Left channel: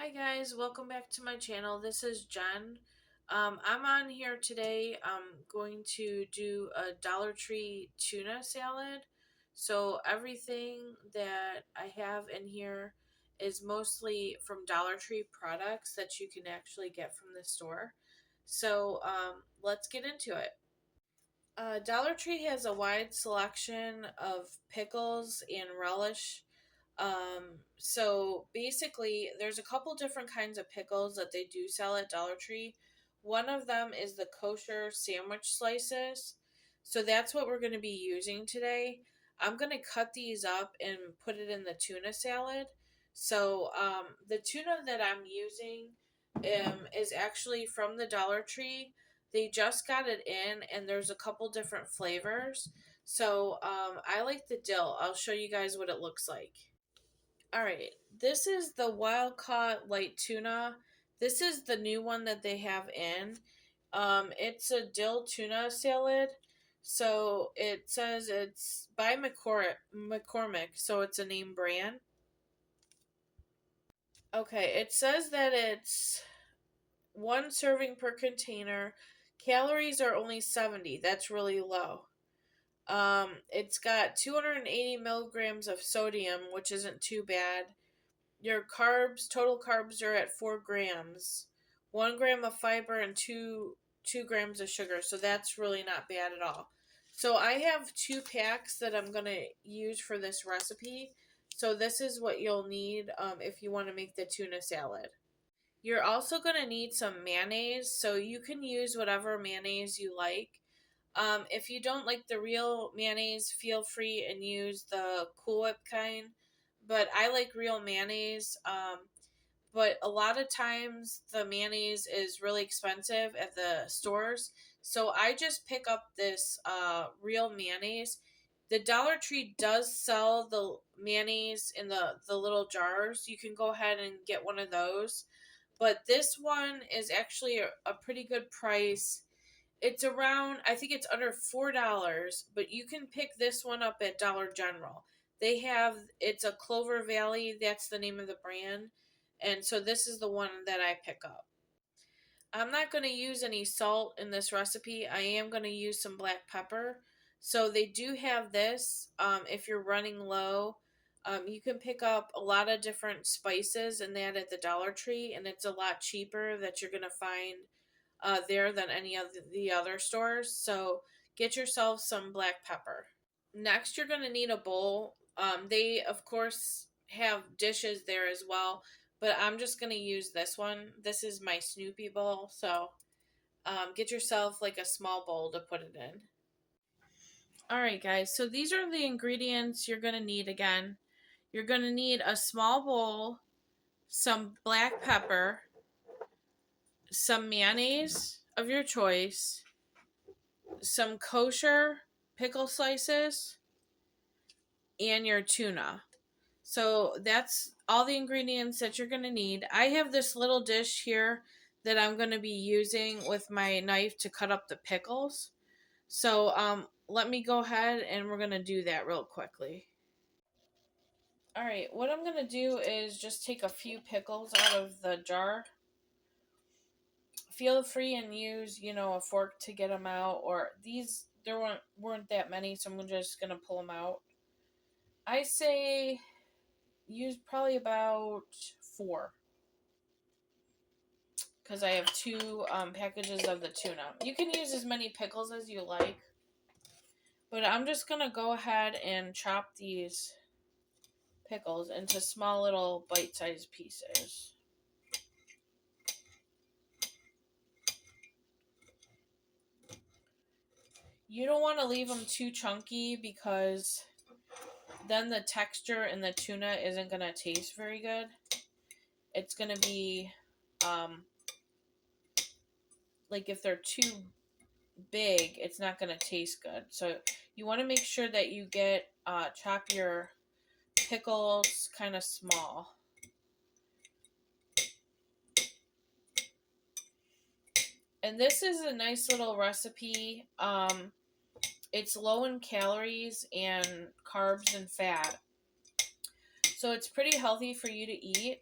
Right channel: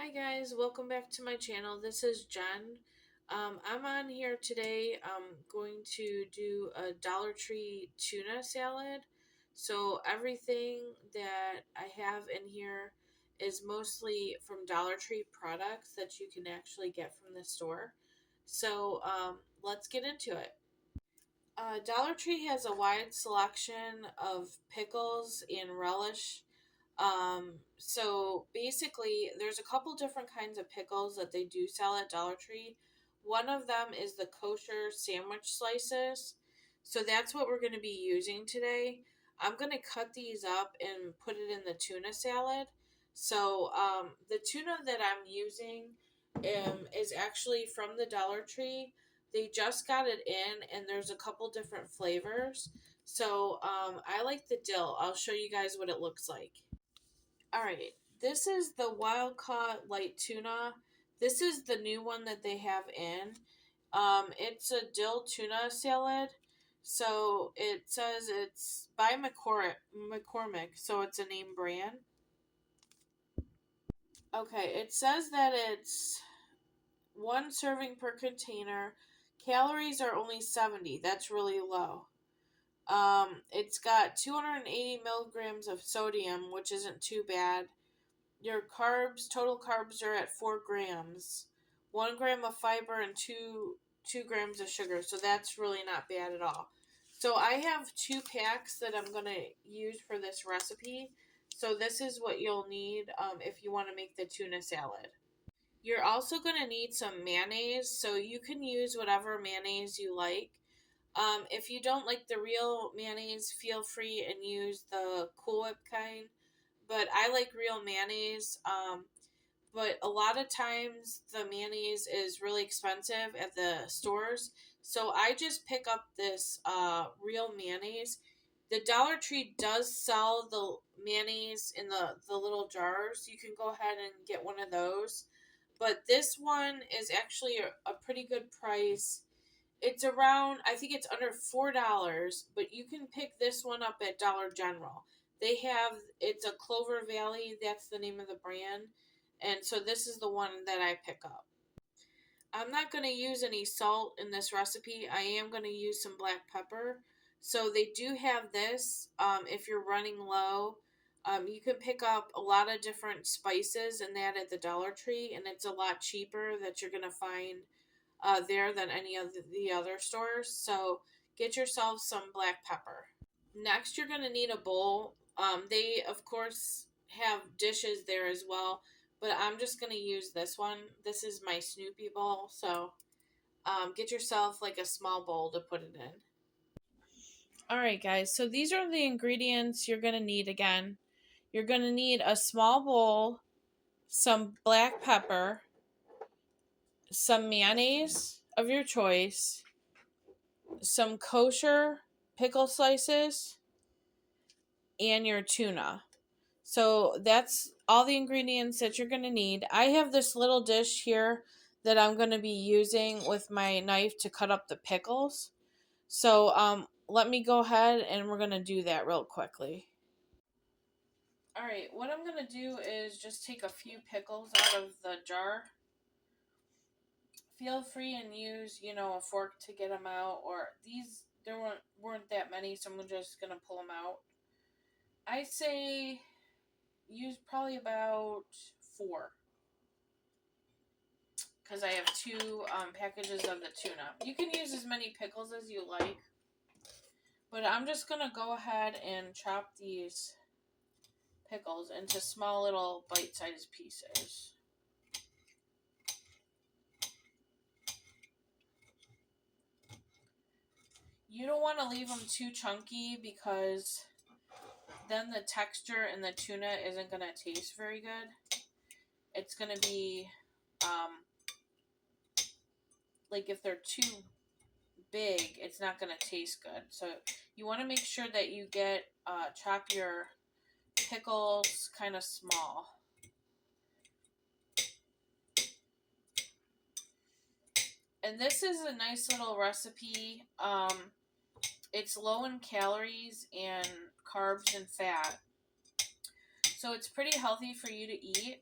Hi guys, welcome back to my channel. This is Jen. I'm on here today. I'm going to do a Dollar Tree tuna salad. So everything that I have in here is mostly from Dollar Tree products that you can actually get from the store. So let's get into it. Dollar Tree has a wide selection of pickles and relish. So basically, there's a couple different kinds of pickles that they do sell at Dollar Tree. One of them is the kosher sandwich slices. So that's what we're going to be using today. I'm going to cut these up and put it in the tuna salad. So the tuna that I'm using is actually from the Dollar Tree. They just got it in, and there's a couple different flavors. So I like the dill. I'll show you guys what it looks like. All right, this is the wild caught light tuna. This is the new one that they have in. It's a dill tuna salad. So it says it's by McCormick, so it's a name brand. Okay, it says that it's one serving per container. Calories are only 70. That's really low. It's got 280 milligrams of sodium, which isn't too bad. Your total carbs are at 4 grams, 1 gram of fiber, and two grams of sugar. So that's really not bad at all. So I have 2 packs that I'm gonna use for this recipe. So this is what you'll need if you want to make the tuna salad. You're also gonna need some mayonnaise. So you can use whatever mayonnaise you like. If you don't like the real mayonnaise, feel free and use the Cool Whip kind. But I like real mayonnaise. But a lot of times the mayonnaise is really expensive at the stores. So I just pick up this real mayonnaise. The Dollar Tree does sell the mayonnaise in the little jars. You can go ahead and get one of those. But this one is actually a pretty good price. It's around, I think it's under $4, but you can pick this one up at Dollar General. It's a Clover Valley, that's the name of the brand. And so this is the one that I pick up. I'm not going to use any salt in this recipe. I am going to use some black pepper. So they do have this. If you're running low, you can pick up a lot of different spices and that at the Dollar Tree, and it's a lot cheaper that you're going to find there than any of the other stores. So get yourself some black pepper. Next, you're going to need a bowl. They, of course, have dishes there as well, but I'm just going to use this one. This is my Snoopy bowl. So get yourself like a small bowl to put it in. All right, guys. So these are the ingredients you're going to need again. You're going to need a small bowl, some black pepper, some mayonnaise of your choice, some kosher pickle slices, and your tuna. So that's all the ingredients that you're going to need. I have this little dish here that I'm going to be using with my knife to cut up the pickles. So let me go ahead and we're going to do that real quickly. All right, what I'm going to do is just take a few pickles out of the jar. Feel free and use, a fork to get them out, or there weren't that many, so I'm just going to pull them out. I say use probably about 4 because I have 2 packages of the tuna. You can use as many pickles as you like, but I'm just going to go ahead and chop these pickles into small little bite-sized pieces. You don't want to leave them too chunky because then the texture in the tuna isn't going to taste very good. It's going to be like if they're too big, it's not going to taste good. So you want to make sure that you chop your pickles kind of small. And this is a nice little recipe. It's low in calories and carbs and fat. So it's pretty healthy for you to eat.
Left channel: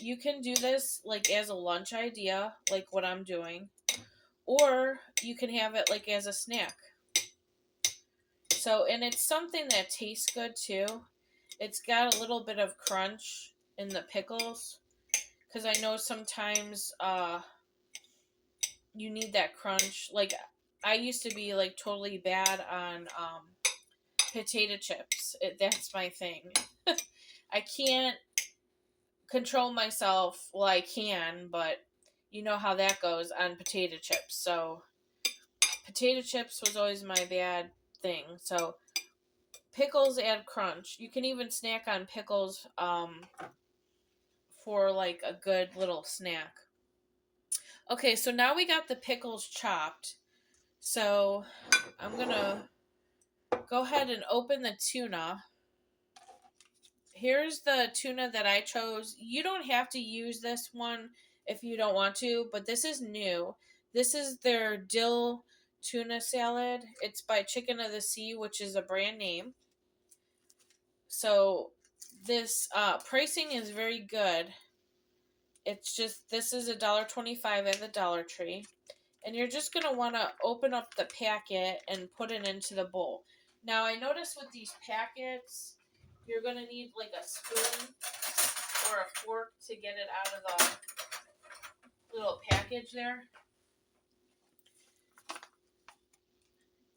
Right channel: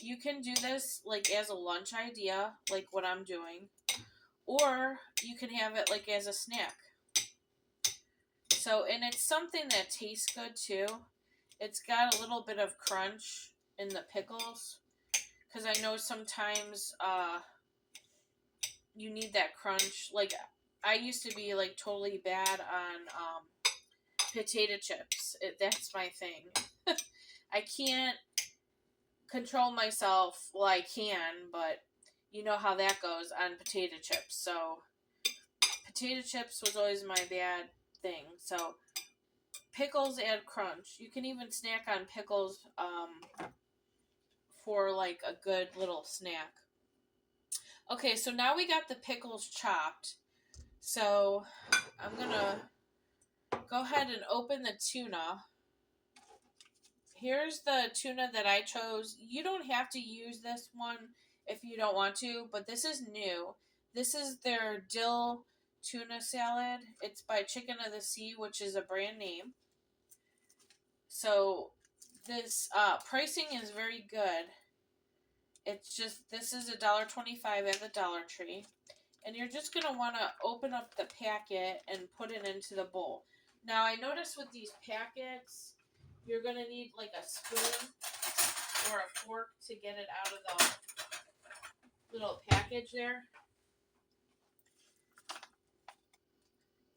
You can do this like as a lunch idea, like what I'm doing, or you can have it like as a snack. So, and it's something that tastes good too. It's got a little bit of crunch in the pickles, because I know sometimes you need that crunch. Like, I used to be like totally bad on potato chips. That's my thing. I can't control myself. Well, I can, but you know how that goes on potato chips. So potato chips was always my bad thing. So pickles add crunch. You can even snack on pickles for like a good little snack. Okay, so now we got the pickles chopped. So I'm gonna go ahead and open the tuna. Here's the tuna that I chose. You don't have to use this one if you don't want to, but this is new. This is their dill tuna salad. It's by Chicken of the Sea, which is a brand name. So this pricing is very good. It's just, this is $1.25 at the Dollar Tree. And you're just going to want to open up the packet and put it into the bowl. Now, I noticed with these packets, you're going to need like a spoon or a fork to get it out of the little package there.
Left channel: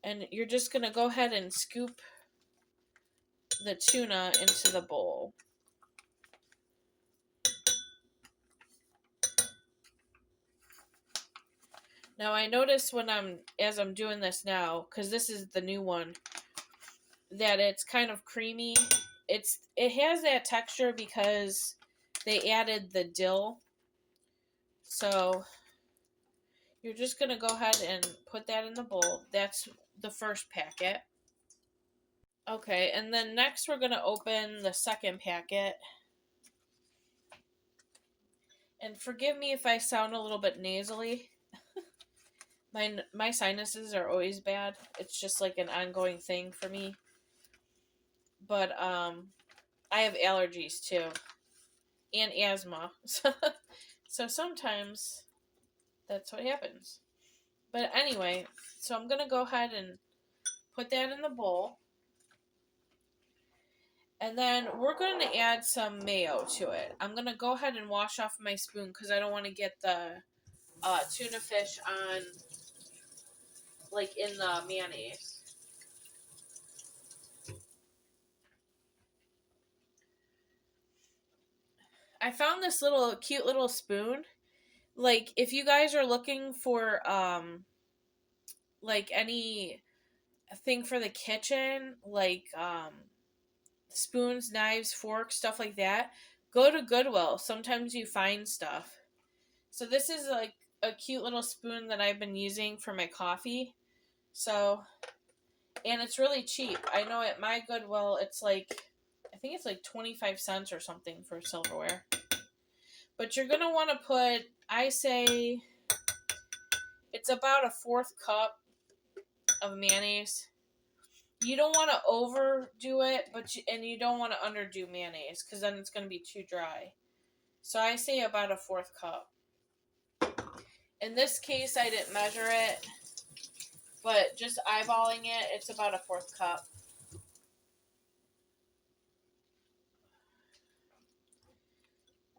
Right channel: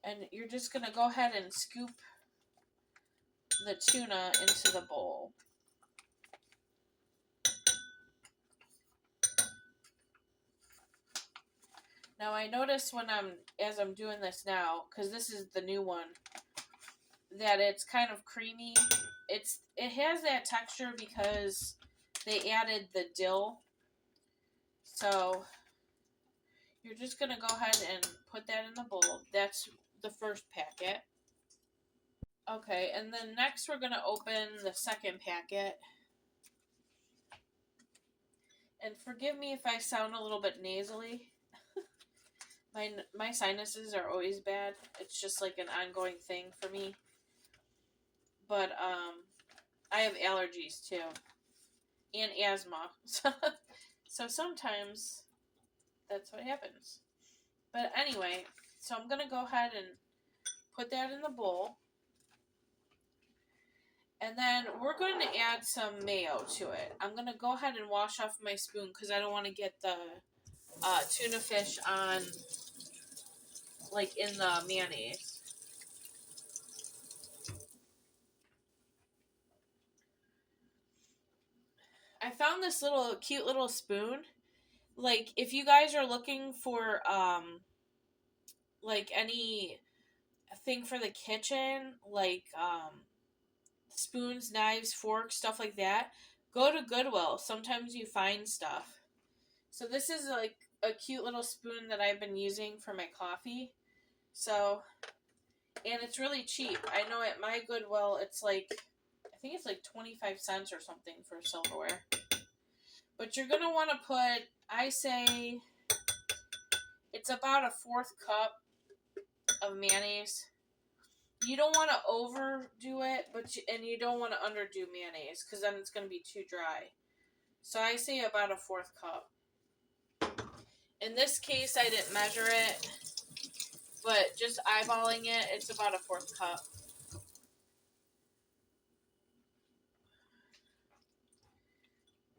And you're just going to go ahead and scoop the tuna into the bowl. Now, I notice as I'm doing this now, because this is the new one, that it's kind of creamy. It has that texture because they added the dill. So you're just going to go ahead and put that in the bowl. That's the first packet. Okay, and then next we're going to open the second packet. And forgive me if I sound a little bit nasally. My sinuses are always bad. It's just like an ongoing thing for me. But I have allergies too. And asthma. So sometimes that's what happens. But anyway, so I'm going to go ahead and put that in the bowl. And then we're going to add some mayo to it. I'm going to go ahead and wash off my spoon because I don't want to get the tuna fish on, like, in the mayonnaise. I found this cute little spoon. Like, if you guys are looking for, like, any thing for the kitchen, like, spoons, knives, forks, stuff like that, go to Goodwill. Sometimes you find stuff. So this is like a cute little spoon that I've been using for my coffee. So, and it's really cheap. I know at my Goodwill it's like, I think it's like 25 cents or something for silverware. But you're going to want to put, I say, it's about a 1/4 cup of mayonnaise. You don't want to overdo it, and you don't want to underdo mayonnaise because then it's going to be too dry. So I say about a 1/4 cup. In this case, I didn't measure it, but just eyeballing it, it's about a 1/4 cup.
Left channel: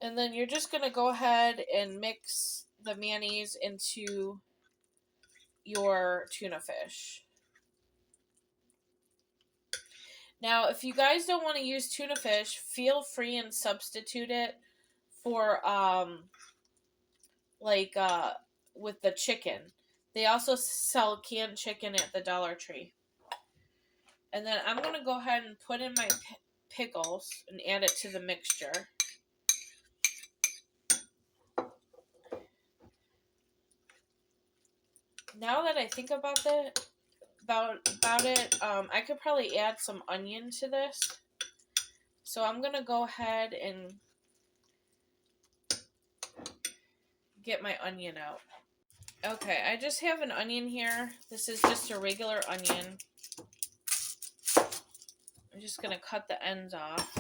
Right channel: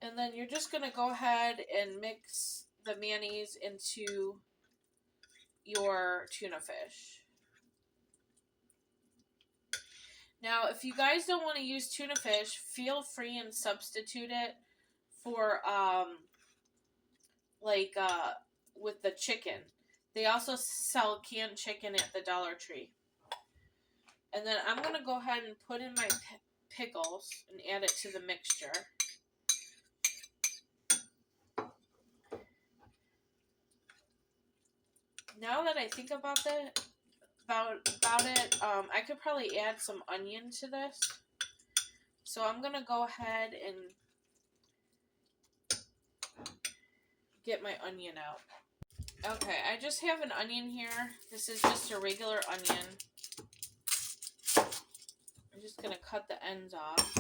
And then you're just going to go ahead and mix the mayonnaise into your tuna fish. Now, if you guys don't want to use tuna fish, feel free and substitute it for, with the chicken. They also sell canned chicken at the Dollar Tree. And then I'm going to go ahead and put in my pickles and add it to the mixture. Now that I think about it, I could probably add some onion to this. So I'm going to go ahead and get my onion out. Okay, I just have an onion here. This is just a regular onion. I'm just going to cut the ends off.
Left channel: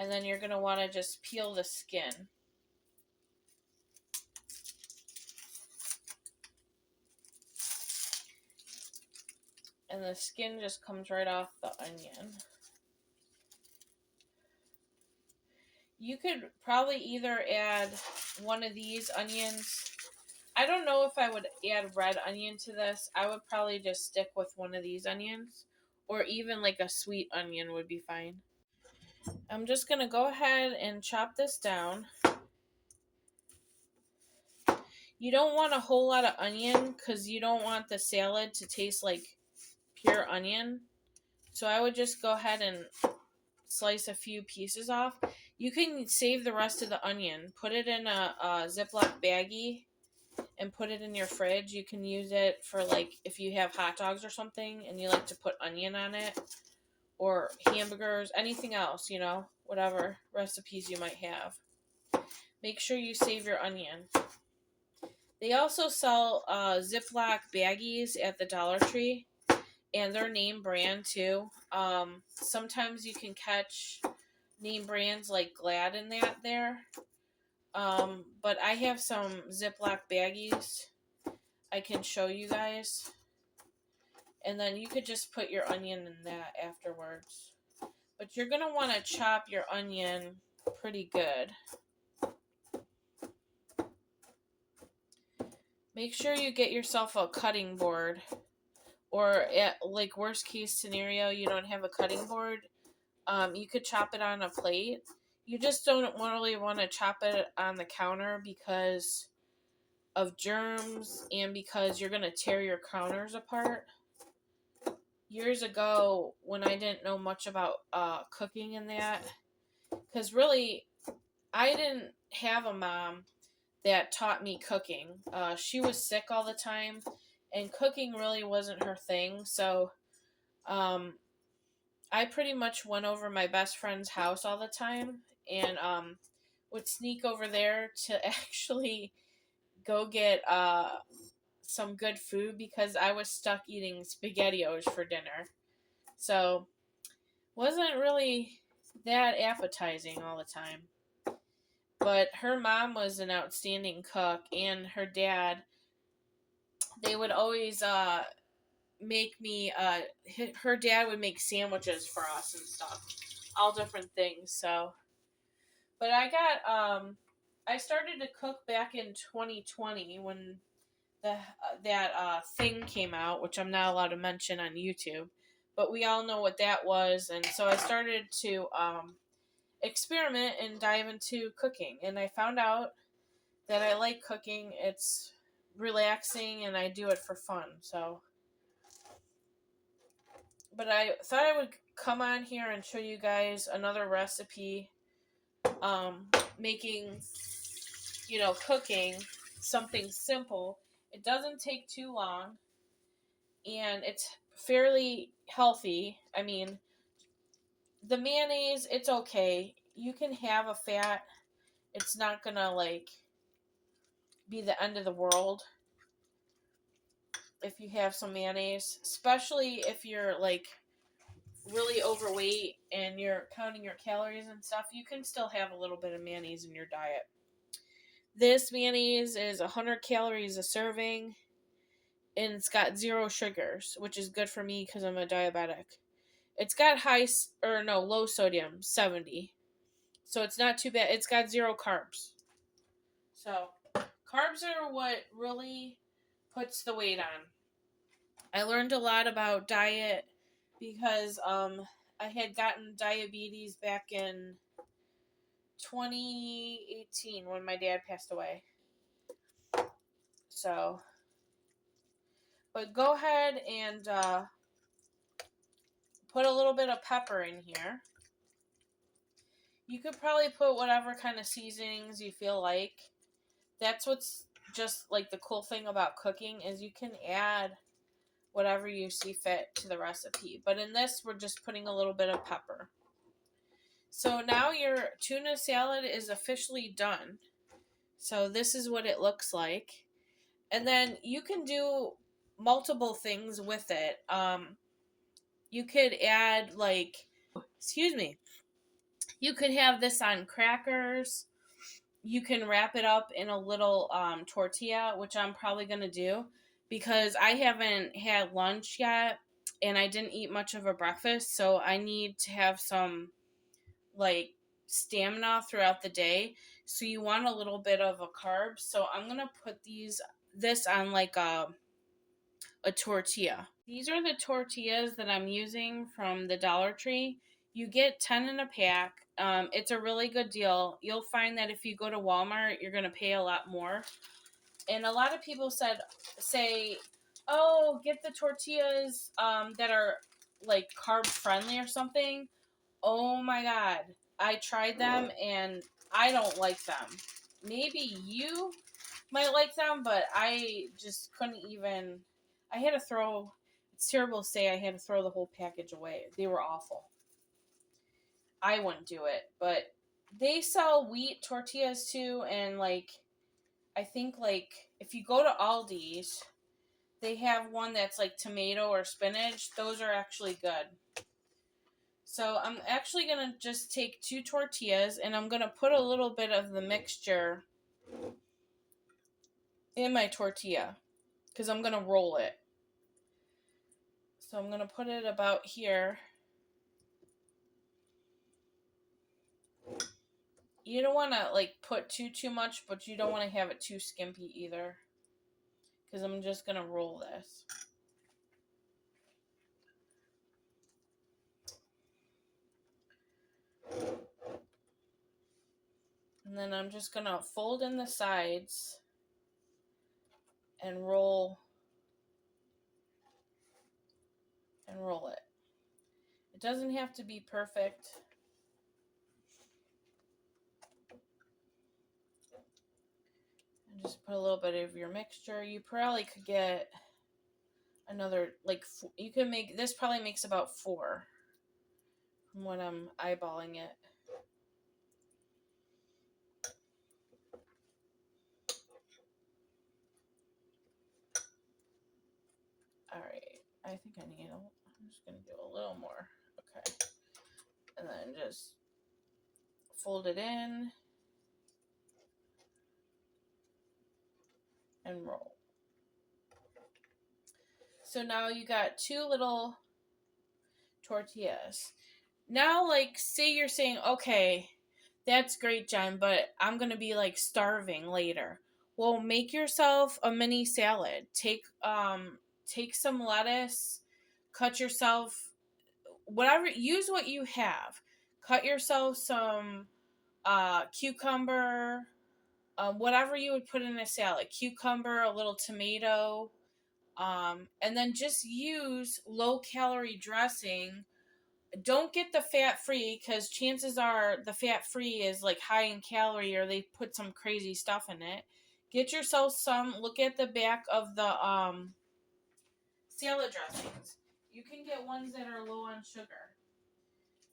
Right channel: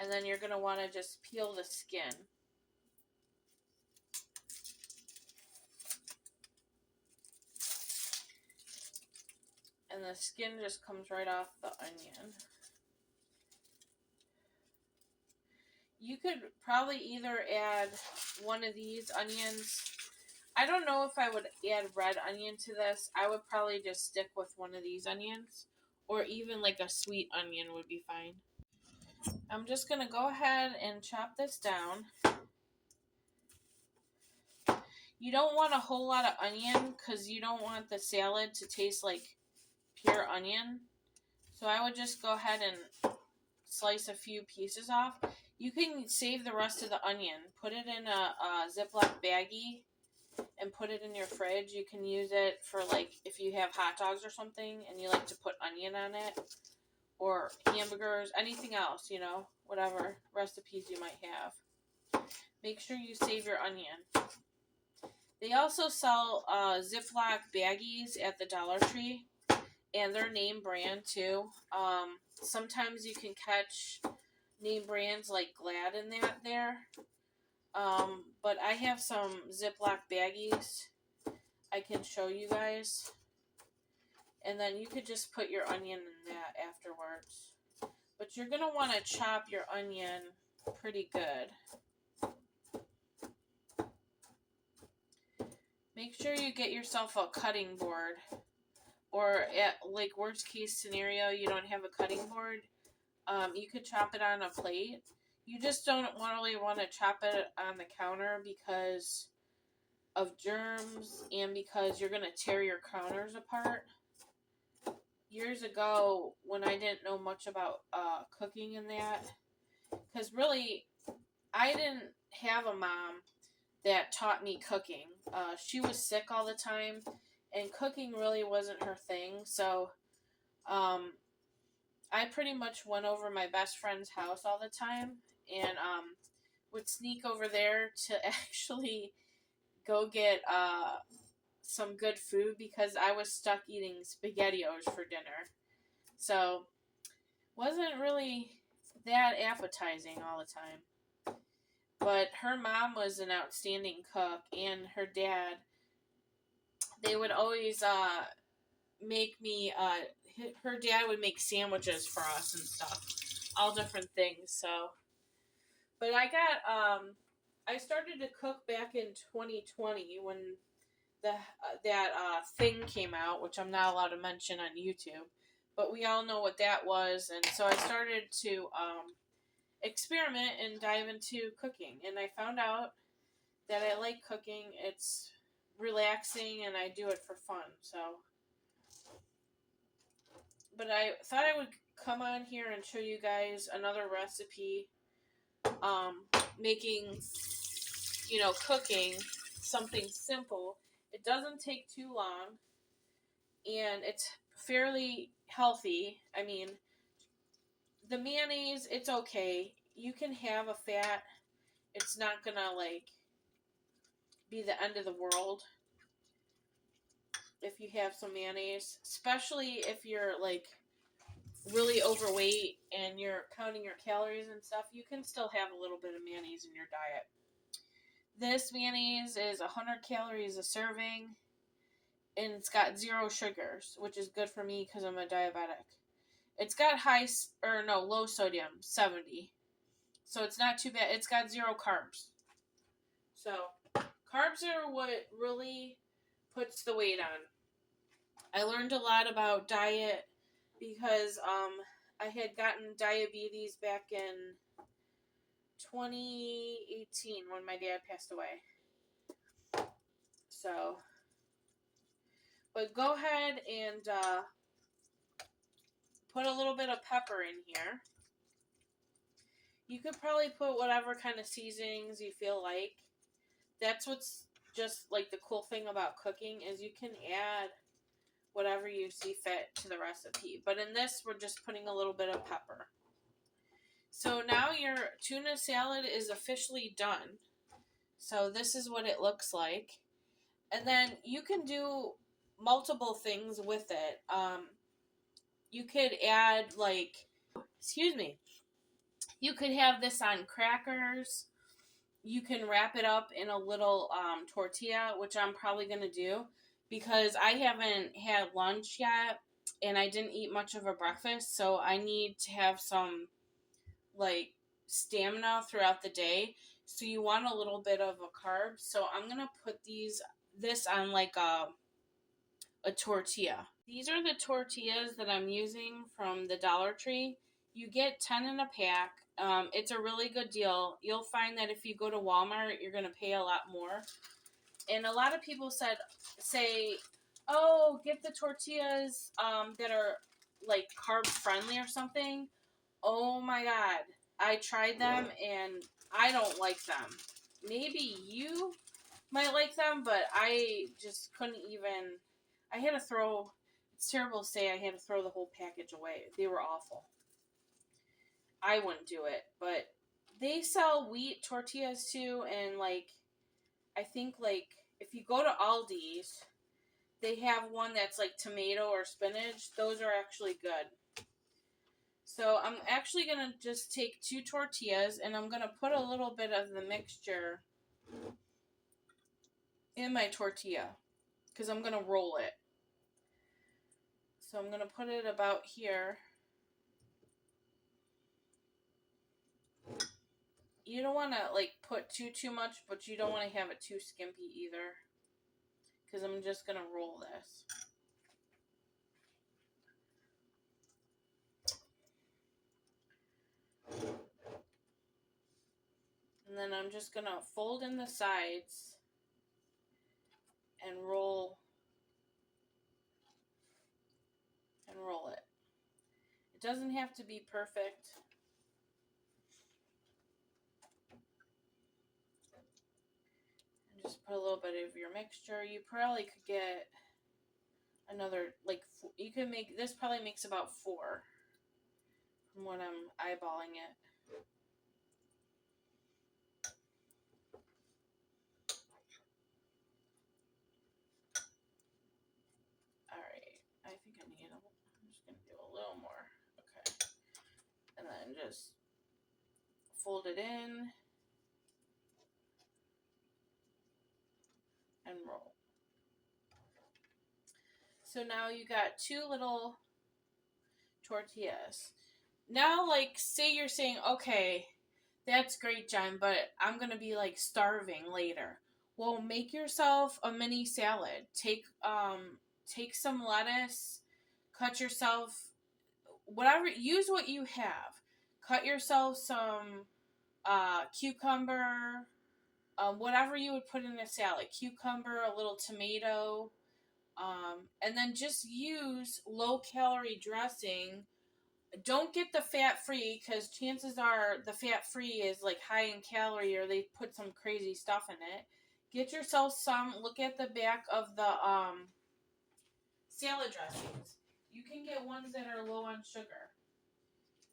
And then you're going to want to just peel the skin. And the skin just comes right off the onion. You could probably either add one of these onions. I don't know if I would add red onion to this. I would probably just stick with one of these onions. Or even like a sweet onion would be fine. I'm just going to go ahead and chop this down. You don't want a whole lot of onion because you don't want the salad to taste like pure onion. So I would just go ahead and slice a few pieces off. You can save the rest of the onion. Put it in a Ziploc baggie and put it in your fridge. You can use it for like if you have hot dogs or something and you like to put onion on it. Or hamburgers, anything else, you know, whatever recipes you might have. Make sure you save your onion. They also sell Ziploc baggies at the Dollar Tree, and they're name brand too. Sometimes you can catch name brands like Glad in that there. But I have some Ziploc baggies I can show you guys. And then you could just put your onion in that afterwards. But you're going to want to chop your onion pretty good. Make sure you get yourself a cutting board. Or at like worst case scenario, you don't have a cutting board. You could chop it on a plate. You just don't really want to chop it on the counter because of germs and because you're going to tear your counters apart. Years ago, when I didn't know much about cooking and that, because really, I didn't have a mom that taught me cooking. She was sick all the time, and cooking really wasn't her thing. So, I pretty much went over my best friend's house all the time, and would sneak over there to actually go get some good food because I was stuck eating SpaghettiOs for dinner. So, wasn't really that appetizing all the time. But her mom was an outstanding cook, and her dad, they would always make me, her dad would make sandwiches for us and stuff. All different things, so. But I started to cook back in 2020 when that thing came out, which I'm not allowed to mention on YouTube. But we all know what that was, and so I started to experiment and dive into cooking. And I found out that I like cooking. It's relaxing, and I do it for fun. So, but I thought I would come on here and show you guys another recipe, making, cooking something simple. It doesn't take too long, and it's fairly healthy. I mean, the mayonnaise, it's okay. You can have a fat. It's not gonna, be the end of the world if you have some mayonnaise. Especially if you're, really overweight and you're counting your calories and stuff. You can still have a little bit of mayonnaise in your diet. This mayonnaise is 100 calories a serving, and it's got 0 sugars, which is good for me because I'm a diabetic. It's got low sodium, 70. So it's not too bad. It's got 0 carbs. So carbs are what really puts the weight on. I learned a lot about diet because I had gotten diabetes back in 2018 when my dad passed away. So, but go ahead and put a little bit of pepper in here. You could probably put whatever kind of seasonings you feel like. That's what's just like the cool thing about cooking is you can add whatever you see fit to the recipe. But in this, we're just putting a little bit of pepper. So now your tuna salad is officially done. So this is what it looks like. And then you can do multiple things with it. You could add You could have this on crackers. You can wrap it up in a little tortilla, which I'm probably going to do because I haven't had lunch yet and I didn't eat much of a breakfast. So I need to have some like stamina throughout the day. So you want a little bit of a carb. So I'm going to put this on like a tortilla. These are the tortillas that I'm using from the Dollar Tree. You get 10 in a pack. It's a really good deal. You'll find that if you go to Walmart, you're going to pay a lot more. And a lot of people say, oh, get the tortillas that are like carb friendly or something. Oh my God. I tried them and I don't like them. Maybe you might like them, but I just couldn't even. I had to throw. It's terrible to say I had to throw the whole package away. They were awful. I wouldn't do it, but they sell wheat tortillas too, and like I think like if you go to Aldi's, they have one that's like tomato or spinach. Those are actually good. So I'm actually gonna just take 2 tortillas and I'm gonna put a little bit of the mixture in my tortilla because I'm gonna roll it. So I'm gonna put it about here. You don't want to like put too much, but you don't want to have it too skimpy either. Because I'm just gonna roll this. And then I'm just gonna fold in the sides and roll it. It doesn't have to be perfect. And just put a little bit of your mixture. You probably could get another like you can make this probably makes about 4 from when I'm eyeballing it. All right, I think I'm just gonna do a little more. Okay, and then just fold it in and roll. So now you got 2 little tortillas. Now, like, say you're saying, okay, that's great, Jen, but I'm gonna be like starving later. Well, make yourself a mini salad. Take some lettuce, cut yourself whatever. Use what you have. Cut yourself some cucumber, whatever you would put in a salad. Cucumber, a little tomato, and then just use low calorie dressing. Don't get the fat free because chances are the fat free is like high in calorie or they put some crazy stuff in it. Get yourself some. Look at the back of the salad dressings. You can get ones that are low on sugar.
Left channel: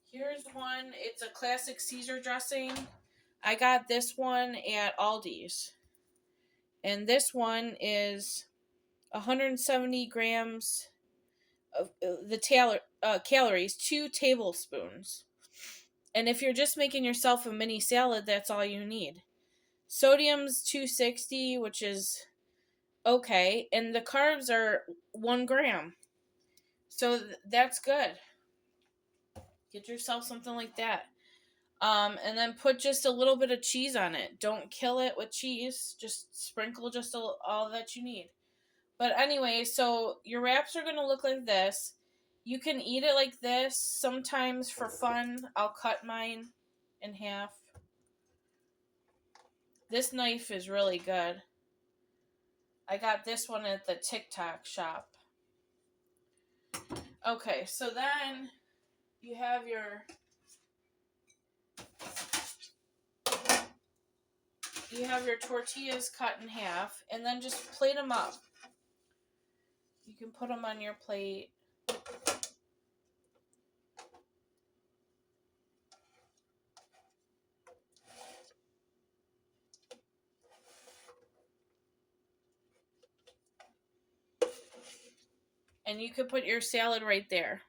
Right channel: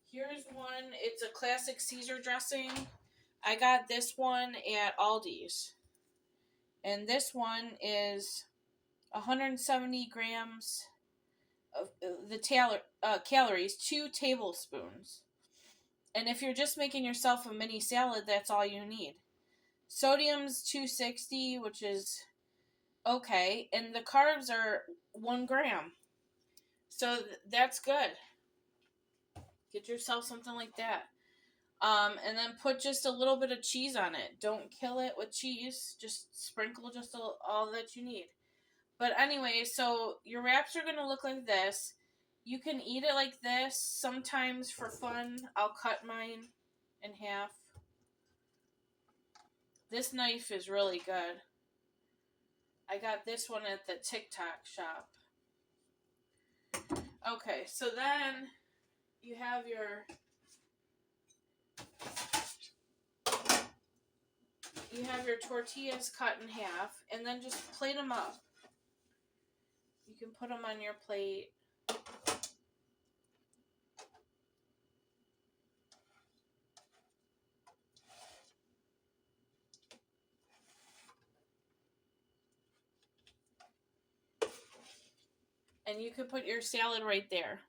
Here's one. It's a classic Caesar dressing. I got this one at Aldi's. And this one is 170 grams of calories, 2 tablespoons. And if you're just making yourself a mini salad, that's all you need. Sodium's 260, which is okay, and the carbs are 1 gram. So that's good. Get yourself something like that. And then put just a little bit of cheese on it. Don't kill it with cheese. Just sprinkle just all that you need. But anyway, so your wraps are going to look like this. You can eat it like this. Sometimes for fun, I'll cut mine in half. This knife is really good. I got this one at the TikTok shop. Okay, so then you have your tortillas cut in half, and then just plate them up. You can put them on your plate. And you could put your salad right there.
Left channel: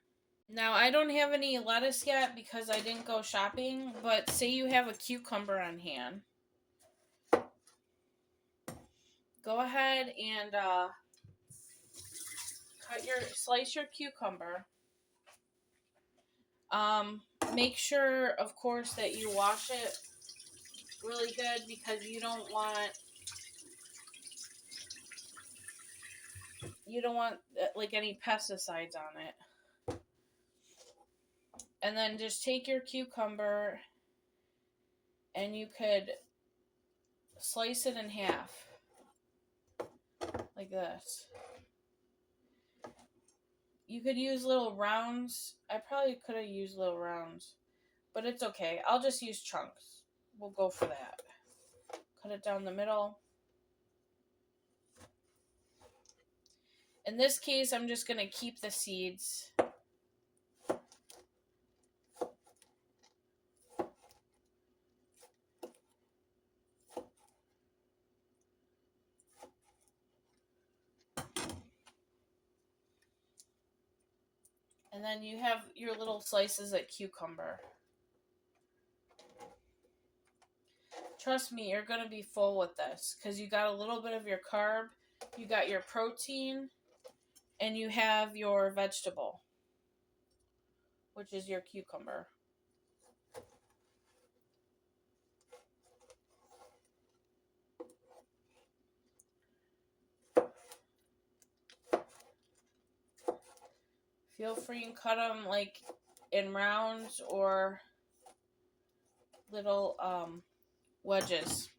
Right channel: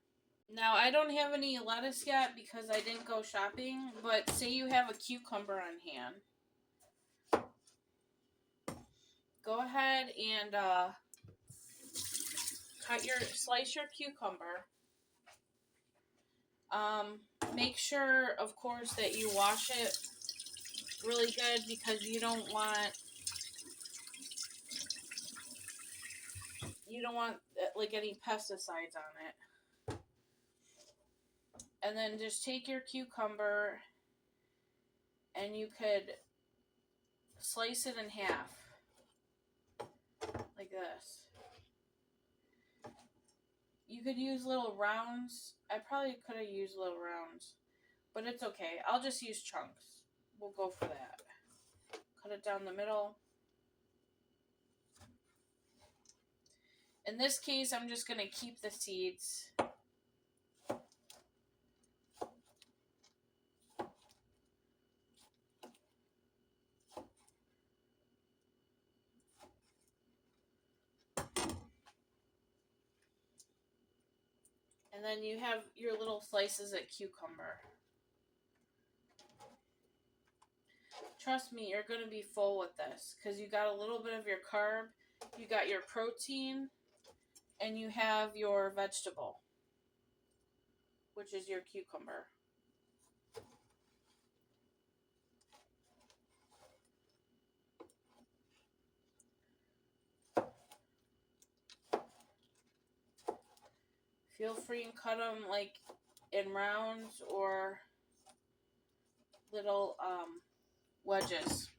Now, I don't have any lettuce yet because I didn't go shopping, but say you have a cucumber on hand. Go ahead and slice your cucumber. Um, Make sure, of course, that you wash it really good because you don't want like any pesticides on it. And then just take your cucumber and you could slice it in half like this. You could use little rounds. I probably could have used little rounds, but it's okay. I'll just use chunks. We'll go for that. Cut it down the middle. In this case, I'm just going to keep the seeds. And then you have your little slices of cucumber. Trust me, you're going to be full with this because you got a little bit of your carb, you got your protein, and you have your vegetable, which is your cucumber. Feel free and cut them like in rounds or little wedges.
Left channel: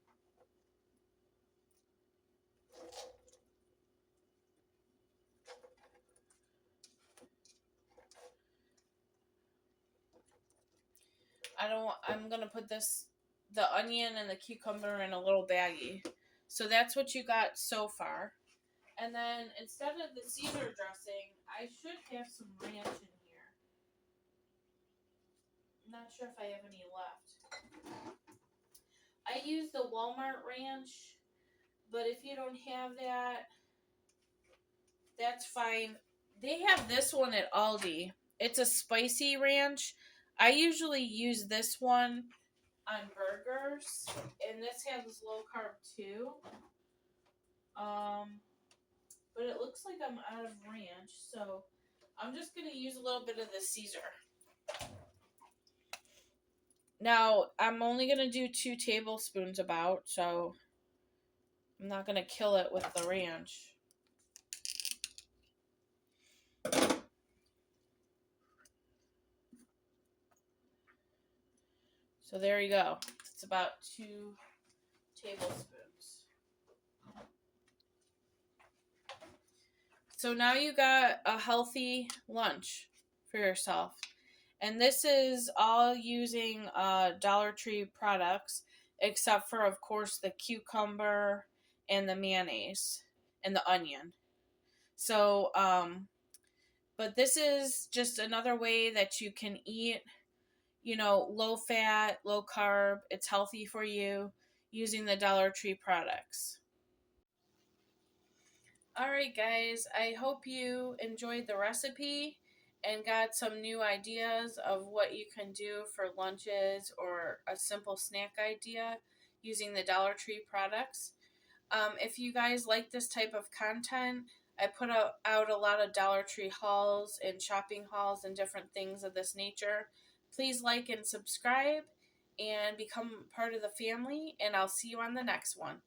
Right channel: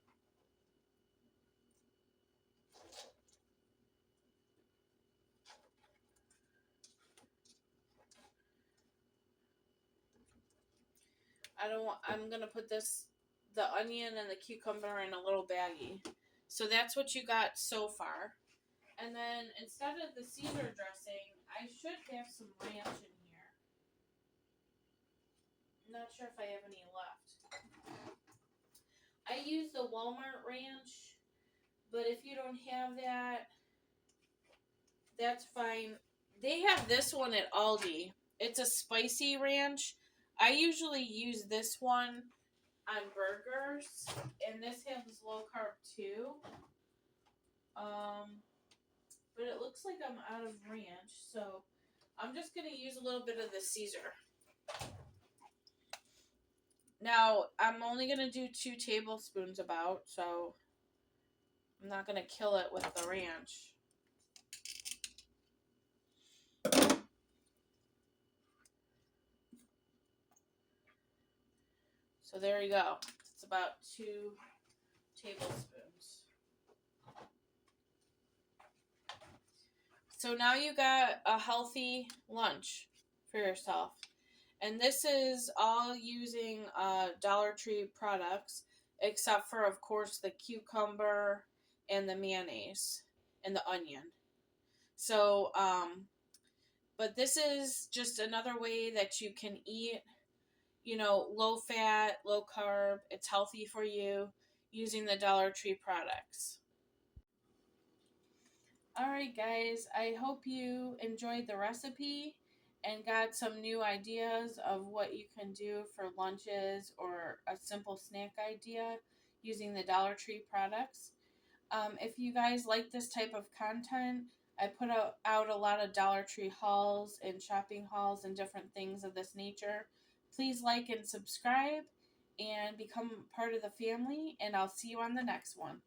I'm gonna put the onion and the cucumber in a little baggie. So that's what you got so far. And then instead of the Caesar dressing, I should have some ranch in here. I'm not sure if I have any left. I use the Walmart ranch, but if you don't have that, that's fine. They have this one at Aldi. It's a spicy ranch. I usually use this one on burgers, and this has low carb too. But it looks like I'm out of ranch, so I'm just gonna use a little bit of the Caesar. Now I'm only gonna do 2 tablespoons about, so I'm not gonna kill it with the ranch. So there you go. It's about 2 tablespoons. So now you got a healthy lunch for yourself. And this is all using Dollar Tree products, except for, of course, the cucumber and the mayonnaise and the onion. So, but this is just another way that you can eat, low fat, low carb. It's healthy for you using the Dollar Tree products. All right, guys, I hope you enjoyed the recipe and got some new ideas of what you can do for lunches or a simple snack idea using the Dollar Tree products. If you guys like this type of content, I put out a lot of Dollar Tree hauls and shopping hauls and different things of this nature. Please like and subscribe and become part of the family, and I'll see you on the next one.